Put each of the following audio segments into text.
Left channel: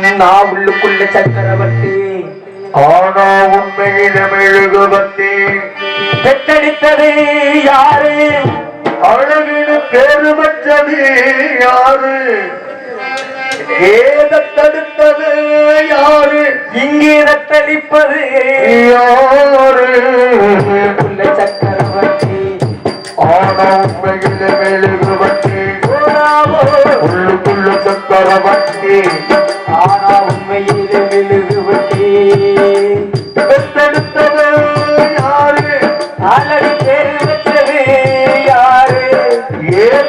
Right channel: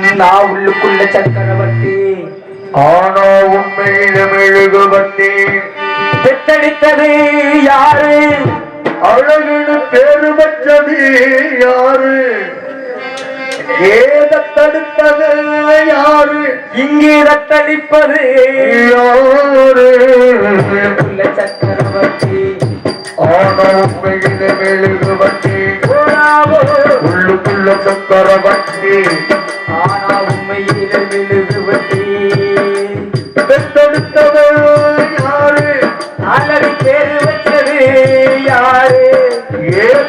நான் உள்ளுக்குள்ள சக்கரவர்த்தி. ஆனா உண்மையில மெழுகுவத்தி பெற்றெடுத்தது யாரு? அழகுன்னு பேரு பெற்றது யாரு? ஏத தடுத்தது யாரு? இங்கே ரத்தளிப்பது யாரு? சக்கரவர்த்தி. ஆனா உண்மையில மெழுகுவத்தி ஓடாமோ. உள்ளுக்குள்ள சக்கரவர்த்தி. ஆனா உண்மையில மெழுகுவட்டி யாரு? நாளடி பேரு வச்சது யாரு? ஏத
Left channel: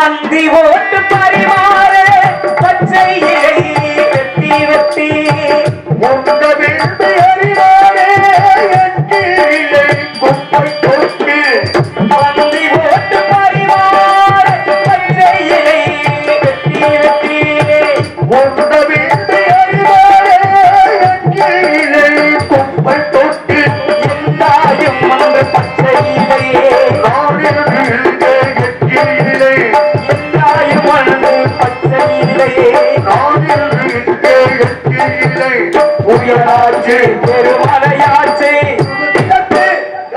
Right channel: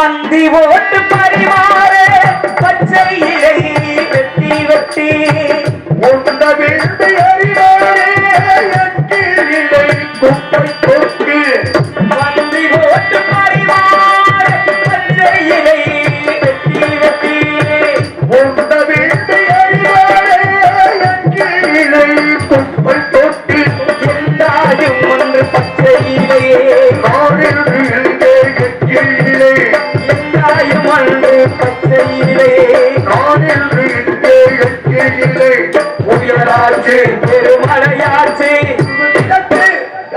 பந்தி ஓட்டு பரிமாறு பச்சை ஏறி வெட்டி வெட்டி. உண்ட வீட்டு அறிவாரே குப்பை கொட்டி. பந்தி ஓட்டு பரிமாற பச்சை இலை வெட்டி வெட்டி. உண்ட வீட்டு அறிவாரே குப்பை எல்லாரும் ஒன்று பச்சை இலையே உயராச்சு பெருமழையாச்சு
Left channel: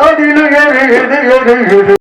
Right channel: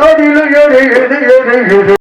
அதில் எது எது எது எது